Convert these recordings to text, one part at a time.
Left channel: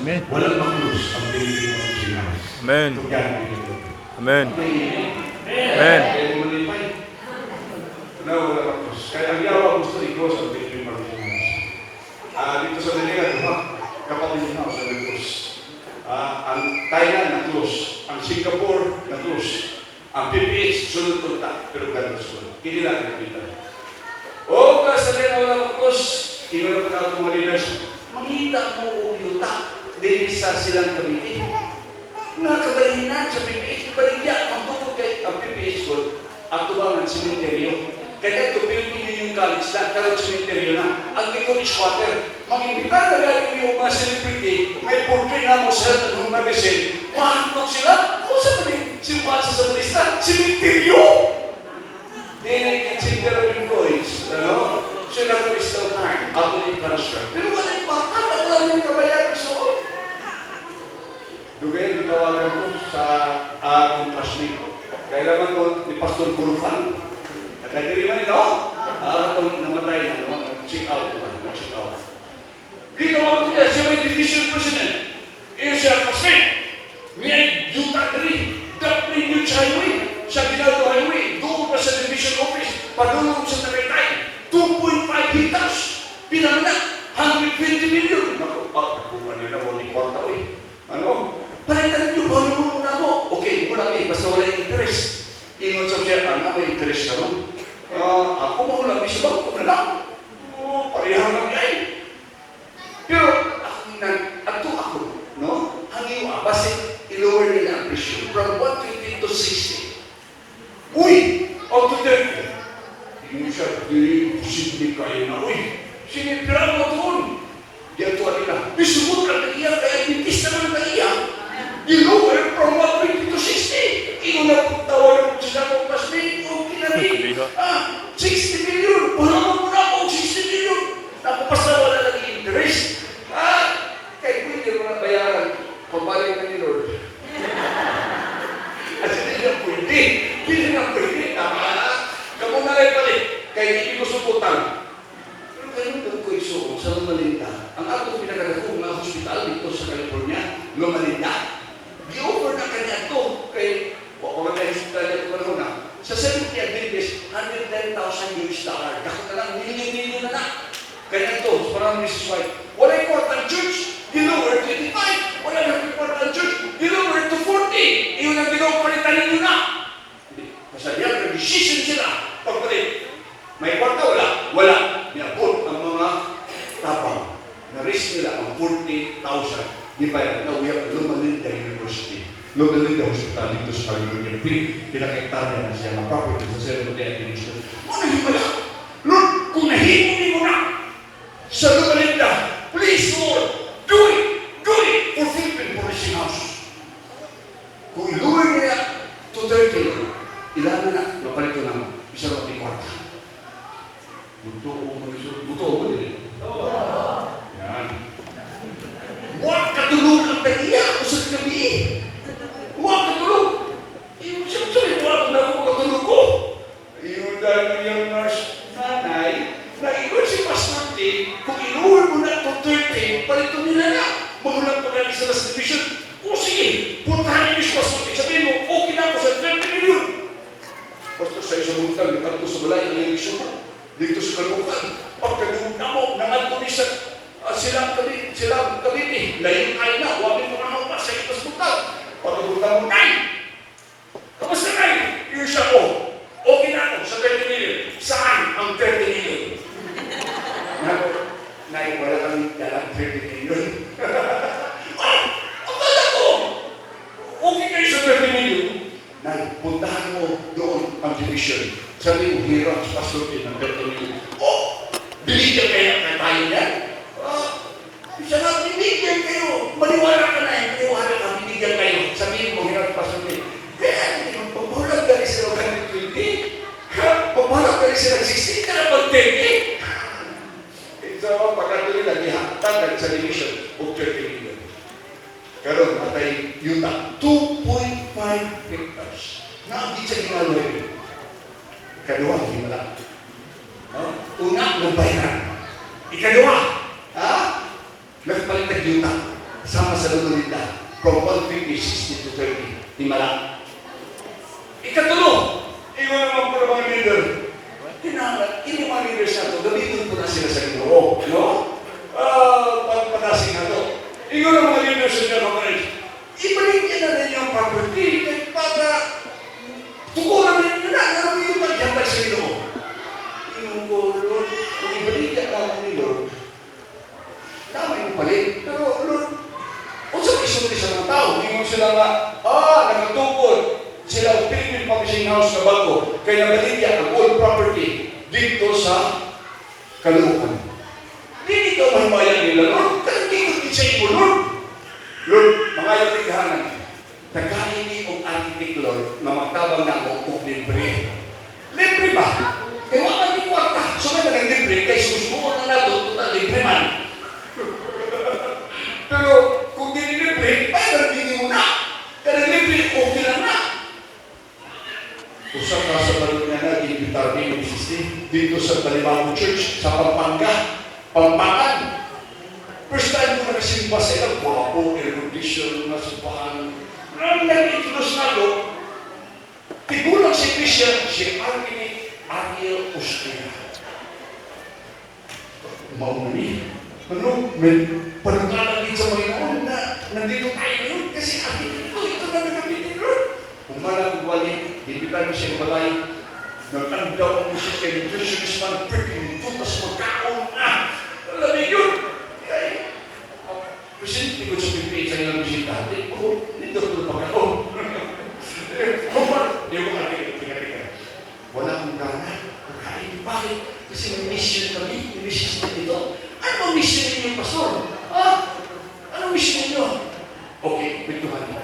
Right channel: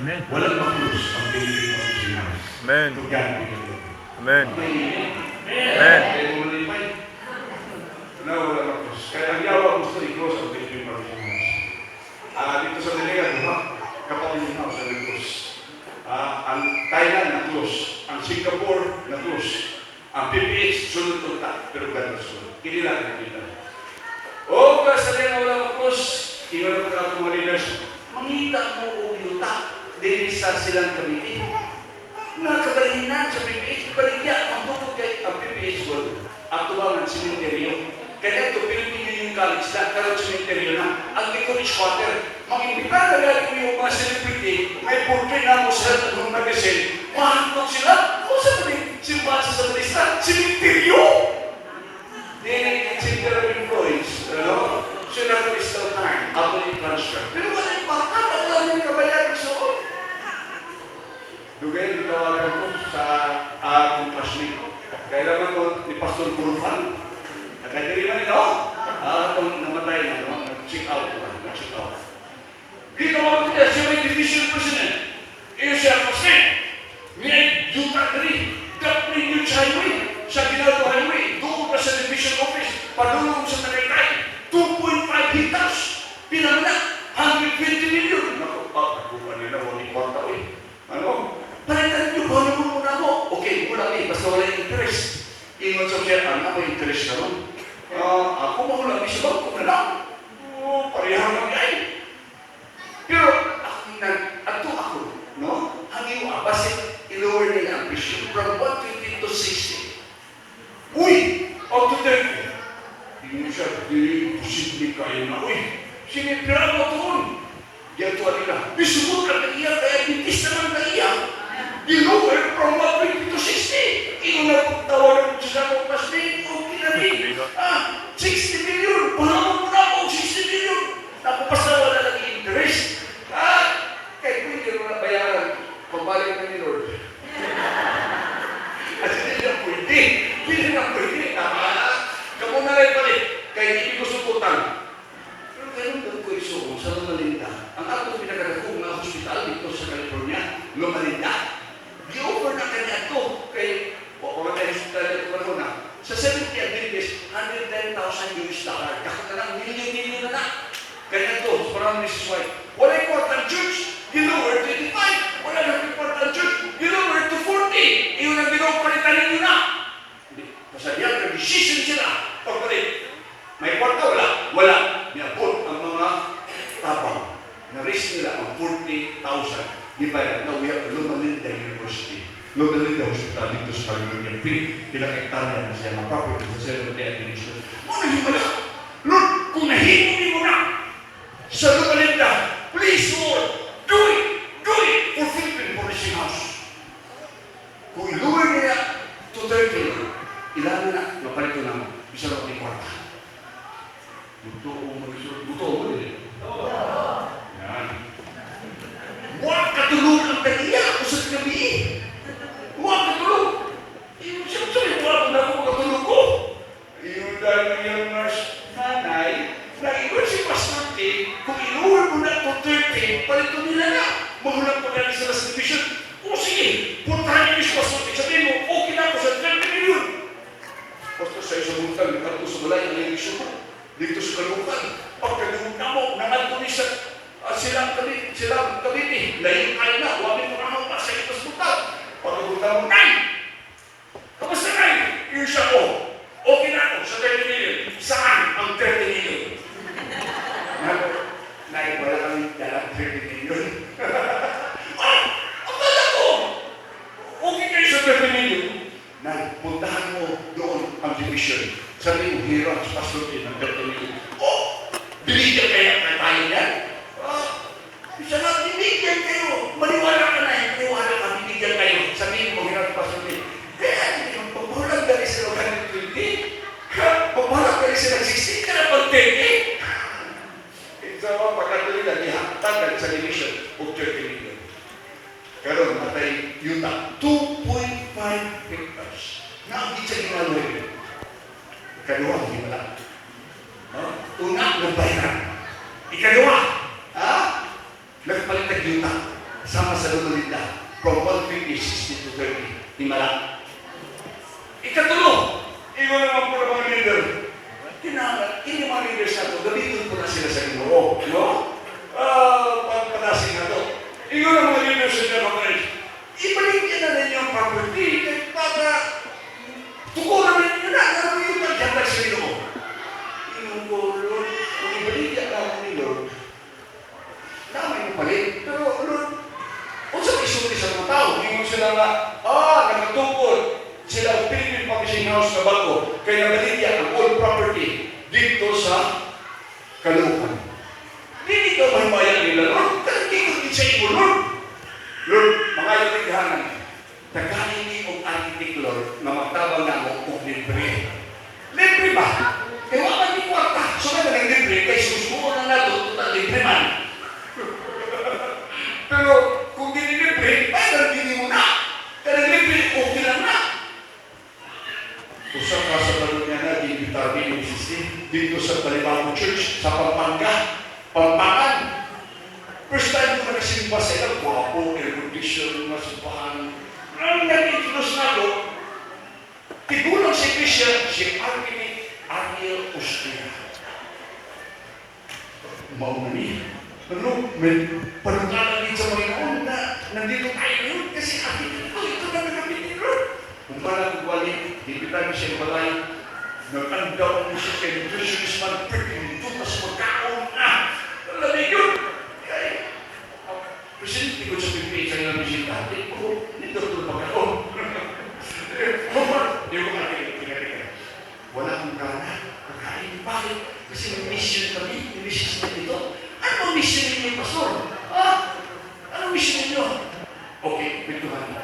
Amen. Walang makrus ang pinili mo sa Inas. Amen. Tugyan mo ito. Amen. Amen. Kaya mo rin pa yun. Na walang makrus. Kaya ang yawa gusto i-cross ang pinili mo sa Inas. Dito sa Diligan, di ba? Kapatid na ako sa krus. Ang Thailand na krus. Ang Singapore na krus. Ang PPH, sunod-tunta. Pero ganun sunod. Hindi natin kita. O, kasi rin ang walang makrus. Kinunod ka ng mga leaders. Mangita mo o yuta. Dili sa silang kamitin. Nakagalinan sa PPH. Ibaligya, ang bukod kay ang PPH ko. Ang tubangan simenteryo. Kaya ito, Philippine Union College na. Karot simenteryo na. Ang Nicolich Water. Mangindipan na gano'n ko yung mga celebrity. May pulpin na mo sila na nung magasin. Mahantok sila. O sa tabi, simpan sa balista. Simenteryo! Dili, simenteryo yung college. Ano? Sila ko is no time. Ako ni transfer. Pero wala yung baka. Wala yung kabayan. So, Dugay, itawagan ko sa akong classmate. Kailangan ko ni Pastor Kurufan. Nagkagiri man ito. Itong namatay na ito. Check out. Check out. Di ka mabuti. Siya may division president. Iyo siya kasi. May duta rin. Dapat yung highway. Sa Ginaldo Highway. Doon pa sa division office. Padulong sa Tagaytay. 2.5 hectares. Pinamana. 120 million. Nakuha nila mo ni Korta. Ano? Palitan nyo, bawal mo muna mo. Okay, muna kayo, basta wala yung interest. Ingon sa siya, ano may interest na ron? Ako makulang, may sabag ko na lang. Parehang lang kayo. Pero, ako, no? Ang iwa, basta i-lower nila ang presyo. From 150 to 60. Uy! Out of them. Hindi mo siya, hindi posible kayo na, uy! Sinipiraan mo doon. Yan tuwa nila. Bisubot ka na iya, kaya bitis naman na iya. You-lower from 150 to 60. Ino na tawagan mo sila kung mas rin. Okay na rin. 60 million. Palaman mo na ako 60 million. Napapasa wala lang interest. Kaya pwede mo na bayaran. Pabalik na ni Lord. At hindi na pwede. Hindi na pwede. Kamu na rin balik. Kaya hindi ko suportan. Pero ganun ko ko isuko sa Lumalinda. Ang ako pinagagawang mga hospital dito sa California, Lumalinda. I-offer na kanya ito kay hospital dito na. Sa 70 Adventist, $110,000. Takot na lang, million na na. Kaya ito, parang Mrs. White, wala yung quarter church, ginower 25. Wala yung quarter church, ginower to 40. Iyon ang ginower palitan ninyo na. Masabihan, nag-decision sila. Pagpalit, may kwarta, wala. Wala. Niabot ang mga tabang. Na-risk nila ang 40,000. Di ba yan? Now, we have Lumalinda University. Lumalinda Hospital dito sa California. Pinakaitarya na siya ng property sa 70 Administration. Ano yung wala? Lord, kung nahihuli mo na sa Lumalinda, please, Lord, do it! Do it! For Philippine Police House. Kung iluwi niya to 30, ilan na, napalito naman. Isa lang ang kwarta. Buto mo din. Yan. Huwag katulungan tayo ako sa gabi. Huwag katulong. Yung sabi, huwag na ako katulong ko. Yung dahil ng yung nanay, naiwan si Pastor T, kung inuwi mo na ito 13, palito nila na. Magulang pa kaya sila sa division. O sige, puntahan niyo si Pastor T. Sabihin mo, okay na ako sa 30 million. Pastor, sa isang buntang, nakalito sa balay ng eleksyon mo. Dito sa kalukan. Pagkagunan mo, nangalto ni silang kabiti. Lain ay na, huwag mo naman pa sa itas buntang. Pagkagunan mo, nay! Tapos na nay! Yung siya ko. Okay na ako sa 30 million. Saan ang 30 million? Nay, wala kang dalang 30 million. Akala ko! Okay kayo sa 30 million. Nay, puntahan mo doon ang division. Sabi mo, hirap sa Pastor T ng 30 million. Binigyan kaya na tayo yan? Isa lang, binigyan kayo. Maniwala ka na, maniwala ka, binigyan kayo. Sabihin mo, hirap pa sabihin. Kaya, pagpapalag dahil sila ka ng 20, pagpapalag dahil sila 16 ka na pag-10. Isa mo, pagkatuloy na ihatag sa division of 30 million. Pero, matay yung 2.5 hectares. Nakakit sa ginagawa yun. Ikalawa, hindi wala. Una, magbayaran. Ikalawa, nagpalitan yung sama sa Lumalita, from 150, 60 to 30, himala. Ikatulo, iyon naman po ng mga leader. Hindi mga leaders na ito, gamitin po na sila sa Ginoo, no? Pagpanasin na ito. Iyon ang mga leaders na mga ibalik niya na rin yung property para tukuran na rin na namin yung pagkakal sa Ginoo. Yung Lord, kung ibalik niya namin ni Lord, namin yung palit. Pero Lord, kung sa isulti sa mga tao, hindi mo sila nga, nagtungkol. Sila ang Philippine Publishing House na bago, kaya nabalik ang all property dito sa Caloocan. Hindi ikaw mahimayang nila, Lord. Kaya hindi ko i-say mo, Lord. Lord, mga yalighanan, nagkain ni ang architect, Lord, na magtabang na mo kung libre. Libre ba? Kaya wala ni kwarta. So na nang libre, kaya susuko na nato, total libre man. Pero kung di libre, ay nagkini mo na. Kaya libre, okay lang na. Usap na sa balon nga na, i-invitar din yung system dito sa Talibano Church, sa Pampanga, Pampakan. First time ko nakasimba sa ilang guwapo, air-condition, nasupahan. Ang nag-introduce na ito, tigulang si Bishop, si Ariel Ostia. Mauli. Ano, may panagalan din sa Panginoon na nandito tayo ngayon kasi ito na nagapit ni Lord. Kung parang wali, hindi tayo siya balay, nag-andaw mo siya kay nutritionist man, freaking tutas magkaon, alam mo yun. Kaya, presidente ko sa Pilipinas sa ilang musika, nito ko pagkaon. Hindi ko kaya, wala akong gana, kakain bakit? Kasi may mission kami, may mission na dito. Ano ang mission ninyo, Pastor? Anong mission ninyo? Okay, pintuhan na.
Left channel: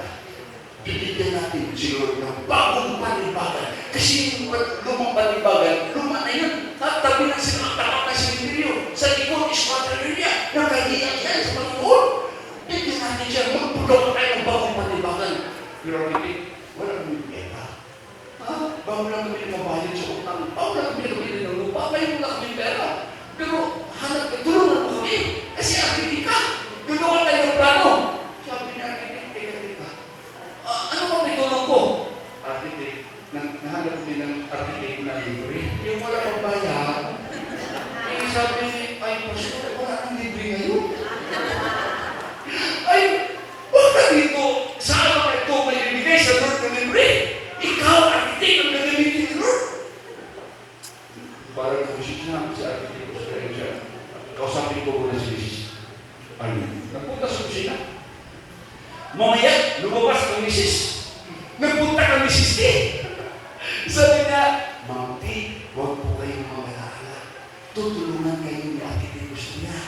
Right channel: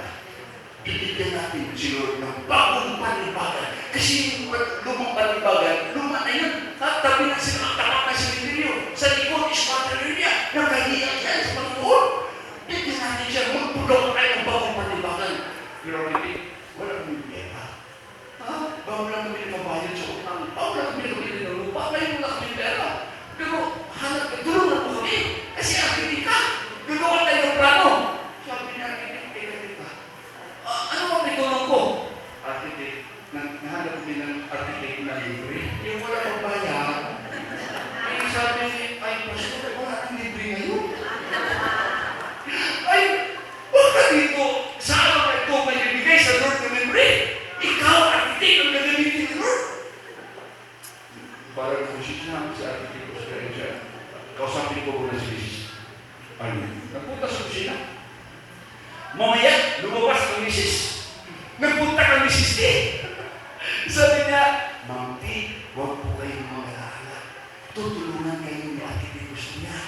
Bibigyan natin si Lord ng bagong panibagan. Kasi yung lumang panibagan, luma na yun. At tabi na sila, tapak na si Emilia. Sa likod, ismatan niya. Nakahiyan siya sa Panginoon. Bibigyan natin siya, magpulong tayo ng bagong panibagan. Pero hindi, walang bibigyan pa. Bawal lang mo rin mabalit sa utang. Bawal lang mo rin ng lupa. May mga kami pera. Pero, hanap ka, tulungan mo kami. Kasi akin ka. Ganoon tayo ng plano. Sabi niya, ano ba may tulong ko? Architect, nahanap ko din ng architect na libre. Yung wala kang bayan, ay sabi, ay Pastor, wala kang libre ngayon. Ay, bakit dito, sa araw na ito may ibigay sa Lord ng libre? Ikaw, architect, ang gagamitin ni Lord. Parang kung siya sa architect ko sa kanya, kausapin ko muna si Jesus. Ayun, napunta sa kusina. Mamaya, lumabas ng misis. Nagpunta kang misis din. Sabi niya, Ma'am P, huwag po kayong mamalala. Tutulungan kayo ng architect gusto niya.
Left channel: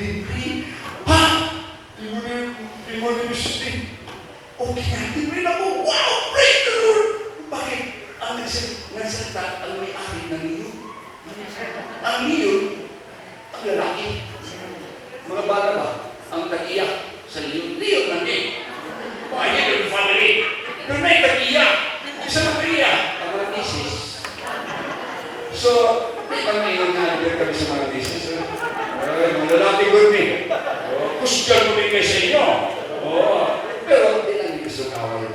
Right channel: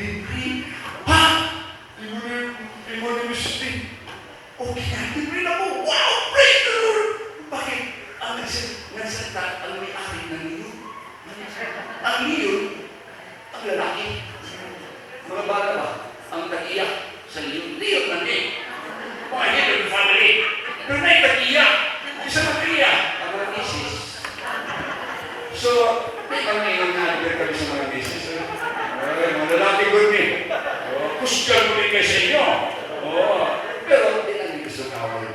Libre. Libre ni misis din. Okay na, libre na po. Wow, praise the Lord! Bakit? Ang nagsalita, ang may-ari ng niyo. Ang niyo, ang lalaki. Mga bata ba? Ang tag-iyak. Sa liyon na din. Bakit yung family? Pero may tag-iyak. Isa mag-iyak. Ang mga misis. So, may pang-ilang na nagbiyak kami sa mga misis. Mga lalaki ko yun. Kusgan mo rin kayo sa inyo. Pero hindi lang gusto kawal.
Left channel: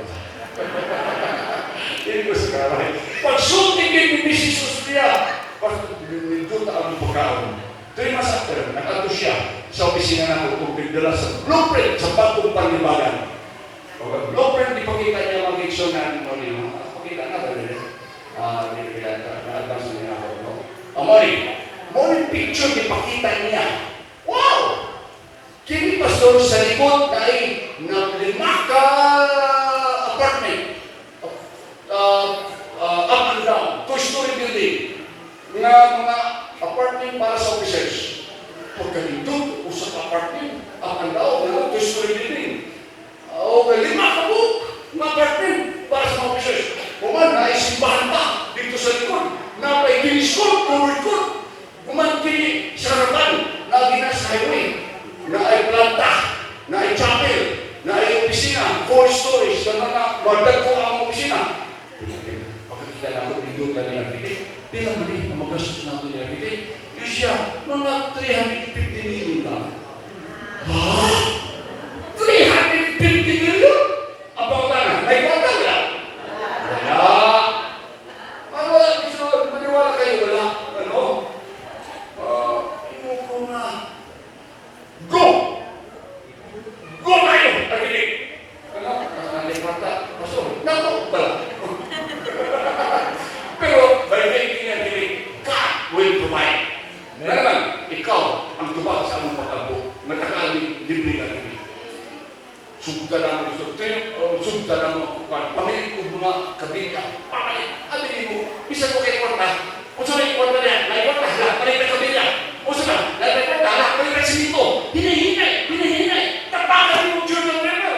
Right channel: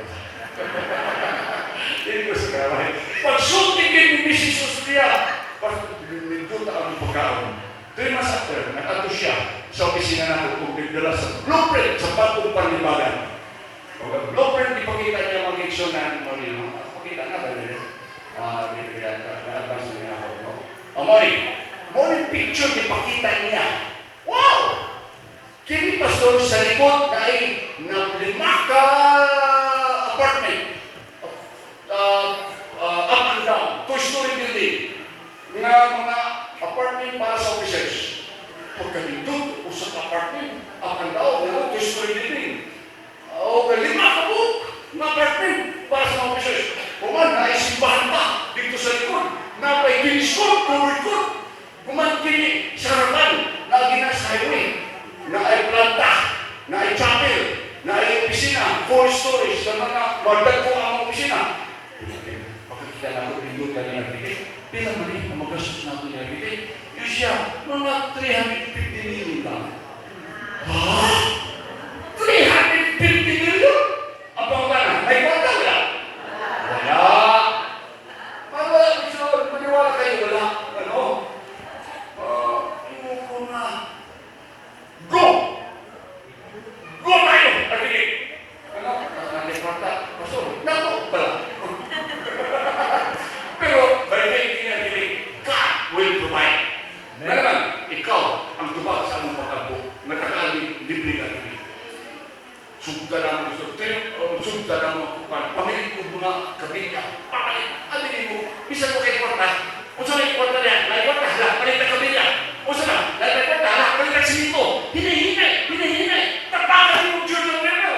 Hindi gusto kawal. Pag-sulting din yung misis Ostia, pag-nilguta ang pagkaon. 3 months after, nakato siya sa opisina na ako kung bigdala sa blueprint sa bagong panibagan. Blueprint, ipakita niya mga action na Panginoon. Pakita na ba nila? Na-advance na niya ako. Morning picture, ipakita niya. Wow! Kini pastor sa likod na ay ng 5 apartment. Up and down. 2-story building. Na mga apartment para sa officers. Pagkalito, usap apartment, up and down, 2-story building. Okay, 5 apartment para sa officers. Kuman, naisimbahan pa dito sa likod. Napay kiniskot, kumikot. Kuman, kini sa harapan, lagi na sa highway. Na ay planta, na ay chapel, na ay opisina, 4 stories, na mga magdagko ang opisina. Pagkakita na ako, limutan na natin. Pila mali ang magastos natin na natin. Yung siya, mga 350 million lang. Ha? libre ka namin. Sugda naman gusto. Sugda naman pamilya ko mga kabila. Ano mo? Bisa ko kay kwarta. O sa may kwarta niya, may kwarta, lahat na kabila. O sa ba, lahat na kwarta, lahat na simito. Hinahinay. Tapakan mo Junior River.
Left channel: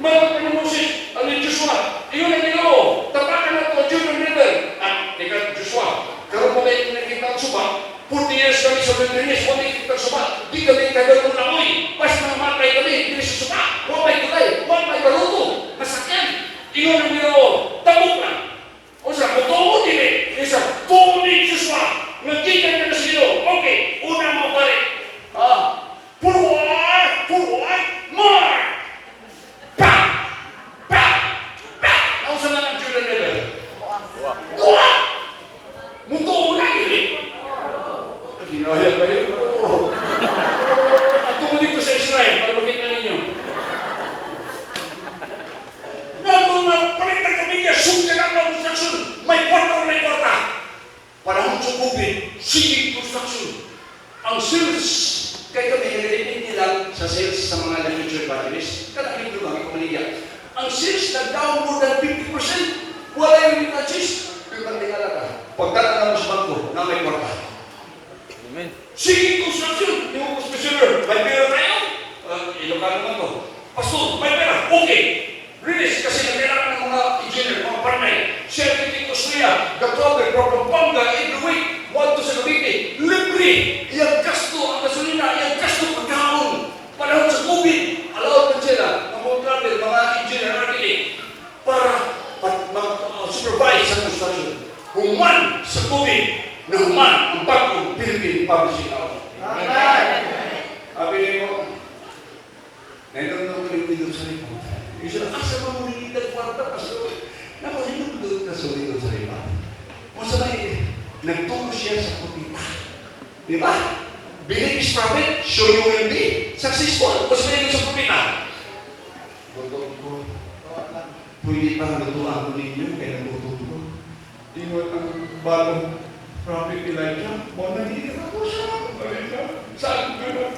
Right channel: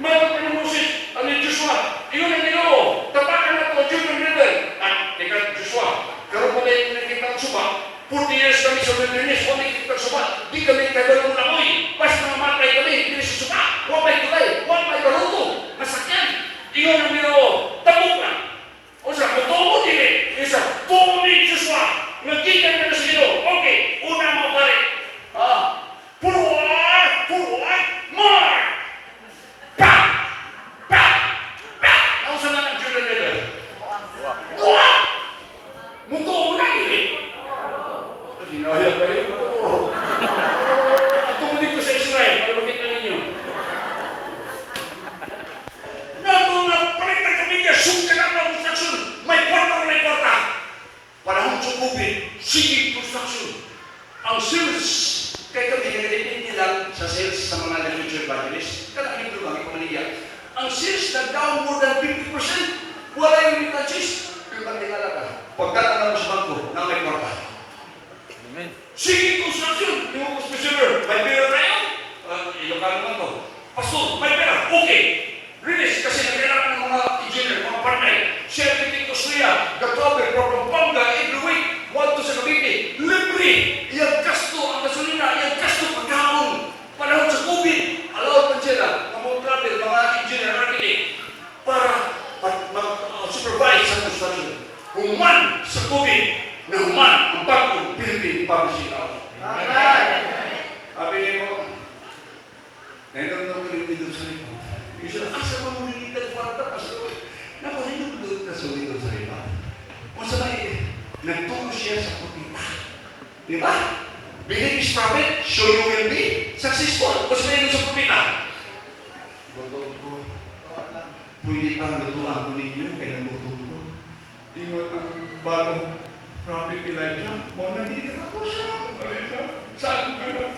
Marami pa ng musik. Ano yung Joshua? Iyon ang nilo. Tapakan na ito, Junior River. At, teka, Joshua, karoon mo na yung nakikita ang suba. 40 years kami sa wilderness, kung nakikita ang suba. Di kami tagal ng lamoy. Basta mga matay kami, hindi sa suba. Wapay tulay, wapay baruto. Masakyan. Iyon ang nilo. Tabok na. O sa, mutuo din eh. Isa, tuloy Joshua. Nagkikan ka na sa nilo. Okay, una mo balik. Puruan, more! Pak! Ako sa mga Jordan River. Buwa! Mutuo na yun eh. Ginaya ba yun? At tumulik ko sa Israel, para makita ninyo. Nandun na palit ng kamilya, sungka ng construction. May kwarta. Panahon sa COVID, sige construction. Ang sales, kaya kami nalilipin lang sa sales sa mga nalilipin batteries. Kaya ko lang ikumaligyan. Ang sales nag-down more than 50%. Wala yung touches. Yung pagkilala ka. Pagdating naman sa bangko, na may kwarta. Sige construction. Yung December, may pera tayo. Ilocano naman to. Pastor, may pera. Okay. Release kasi nagkailangan ng mga engineer, mga partner. Certificate to Suya, Gatover, Pampanga, every week. Walto sa Cavite. Libre. Iyang gasto ang gasolina. Iyang gasto pagkaon. Panahon sa COVID. Allowed pa sila. Mga travel, mga engineer, architect. Para mag-supervise sa construction. Human sa COVID. Na human ang bagong Philippine Publishing House. Sabi mo, nainom ko yung video sa rin. Yung sila, asa mo nung nagkwarta, pastor. Napahinong na sa video sa rin. Kung sabay, nagtungo siya sa kupita. Di ba? Believe is profit, so you will be successful. Kung sabay sa kupita. Bago ko, pwede pang natuan ko ninyo, kaya natututo. Ingon ang bagong Prophet Elijah, muna hindi ako siya. Saan ko na?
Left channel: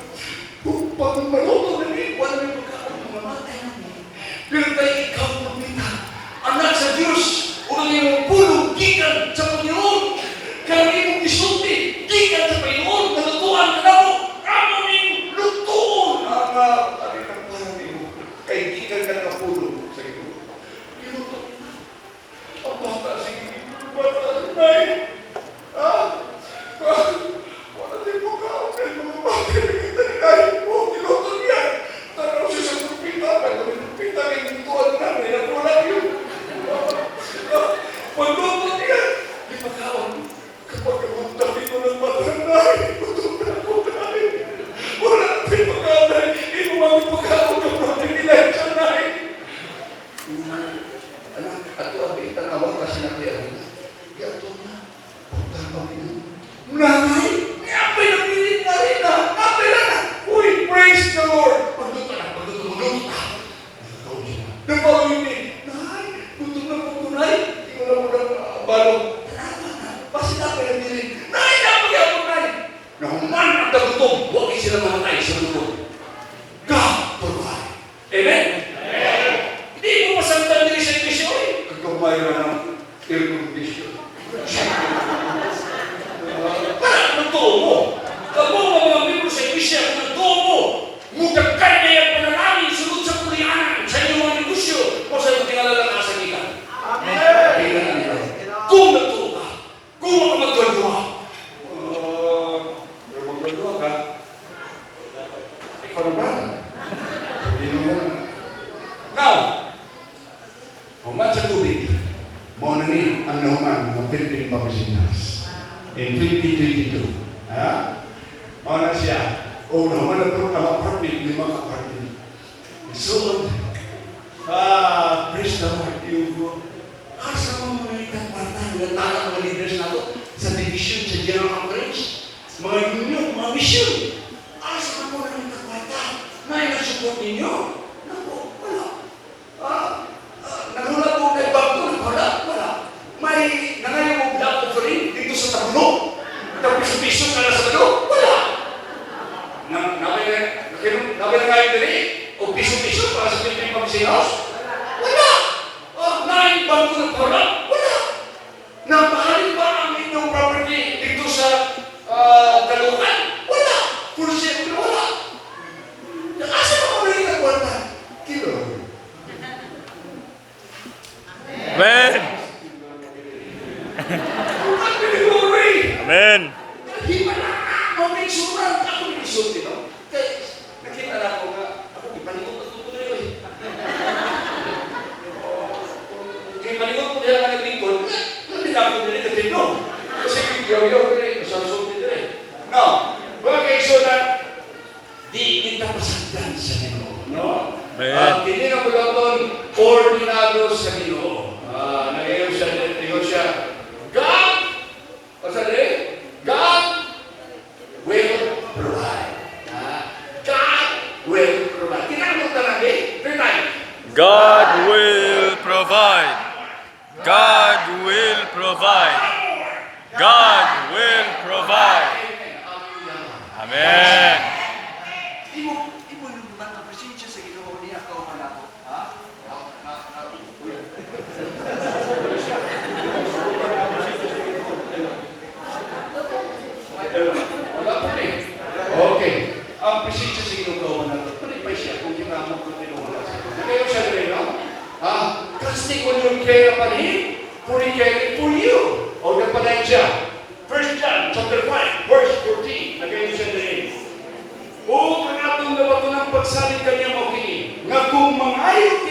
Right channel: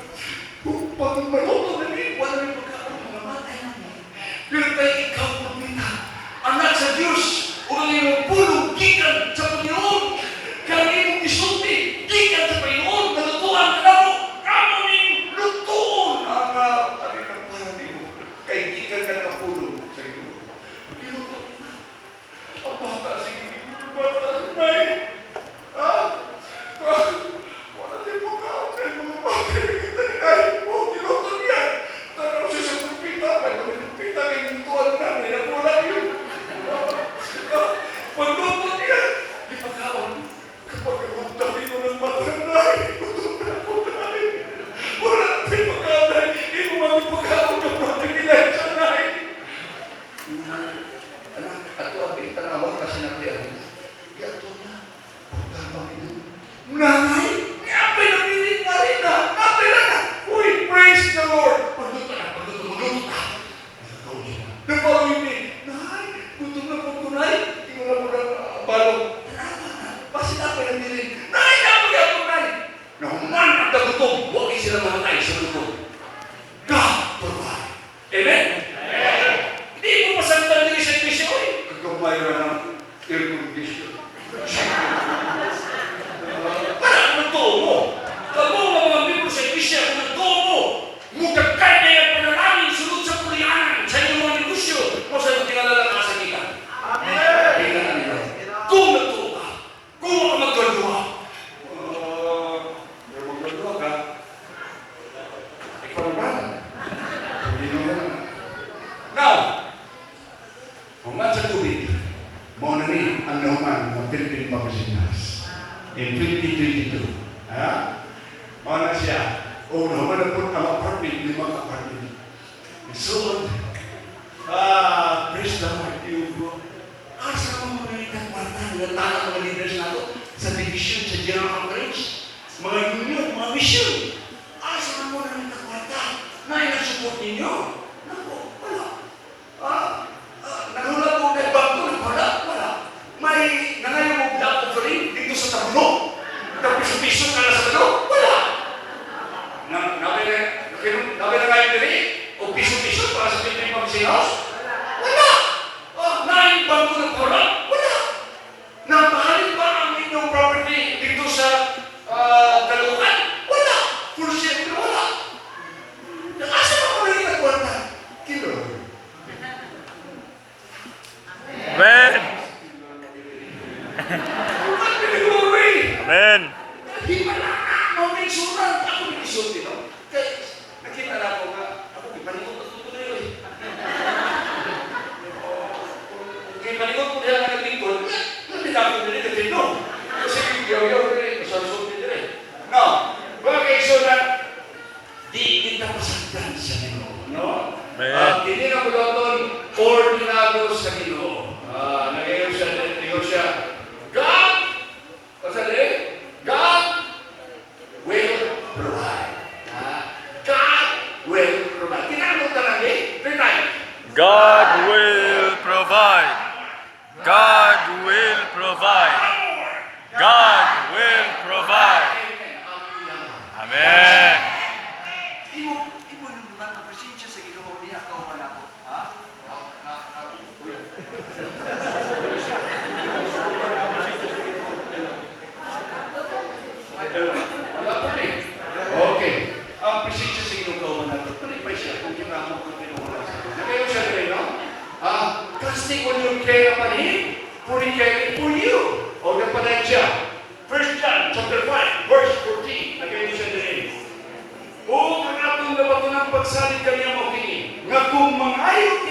Kung pag maluto na rin, wala may pagkaon na mamatay namin. Pero tayo ikaw pamita. Anak sa Diyos, kung ang iyong pulong, gikan sa Panginoon. Kaya iyong isulti, gikan sa Panginoon, nalutuan ka na mo. Amo niyong lutuon. Ang parang iyong, kay gikan ka na pulong sa iyo. Pinuto. Ang bata, sige, bata, nay. Wala din mo ka, okay mo bakit? Ay, kinuto niya. Tanaw siya sa kupita, kaya kupita na yung tuwan na, nila yun. Pagluto niya, ipagkawan, kapag kamutabi ko ng mata ng nahay, wala din pagkawan, hindi mo magpagkawan ng pagpilihan sa nahay. Anak, ato ang itanawang kasi na kaya, yato na. Nanay, napay na pilit na rin na. Napay na. Uy, praise the Lord. Pagduto na. Napaw yun eh. Nanay, gutom na pagtunay. Ikaw na mo ng balong. Kasi napay na nilin. Nanay, napay na pagtunay. Nahuman at nagutom. Huwag kayo sila mamatay sa gutom. God provide. Amen? Amen. Hindi mo masalitan nila sa iglesia eh. Kagkamay na ng irrigation. Parang nagtuo mo. Kamo mga membro sa iglesia, kung nagtuo mo, mugagkay na yung panalangin, sunod sa pulianan, sa inyong mga negosyo, o sa inyong tingalala ka sa kita. Amen. Kung nagtuo ka, kung magagawa ka, ikaw ba? Now, human sa tubig, mo na ni ang nauman ng Philippine Publishing House. In 2022. Mana siya? O naman na po ang apartment, 5 apartment. So, praise the Lord, yung asa mo mga nalitang kwarta, mga tanang mga leaders na ito, sa division, sa general conference, mga union, mga mission. Asa mo mga nalitang kwarta, na yung-support ninyo? Naku, wala. Nagulat mo kay Bangko, wala. May nangayon mo dapat ko rin dito sa tabuno. Tapos piso ka na sa tabuno, wala. Nabi na para sa Philippine Publishing House? Wala! Naibang ko ng korap? Wala! Napahali ba ang inyong property dito sa Dalukan? Wala! For sure, wala! Asa ka mo rin ang kwarta? Kilo. Amen. Amen. Himala ka! Kung may surang, ako may isulti, no? Kaya, nakita na ako nga, ako, ipaningot at tutuloy ko eh. Kaya paningot ko nila na naglingkod, nandila ko nila dito. Kasi yaw-yaw ko rin, masasunod nila eh. No, mga kaigsunan, di kita pasagdan sa Ginoo, no? Hindi na ko doon, ordinado sa Ginoo. Nagayon siya, God, pasali, God will provide. God will provide. Kinamot ka lang eh. Third time. God will provide. God will provide. God will provide. Amen. Ibo yung mga presensya sa Ginoo niya ito man ako. Wala po rin. Okay. Ang presensya sa Ginoo man ako. Tuloy pa siya kung kinamot ko pinuha sa Ginoo. Kayo siya rin, no? Trusting on your care upon Him, putting care for you. O napanan siya. 1 John chapter 5, verse 14. Nagayon siya rin. O ang atong gawa ko ng pagsalit kanya mo kini, nga kung mangayon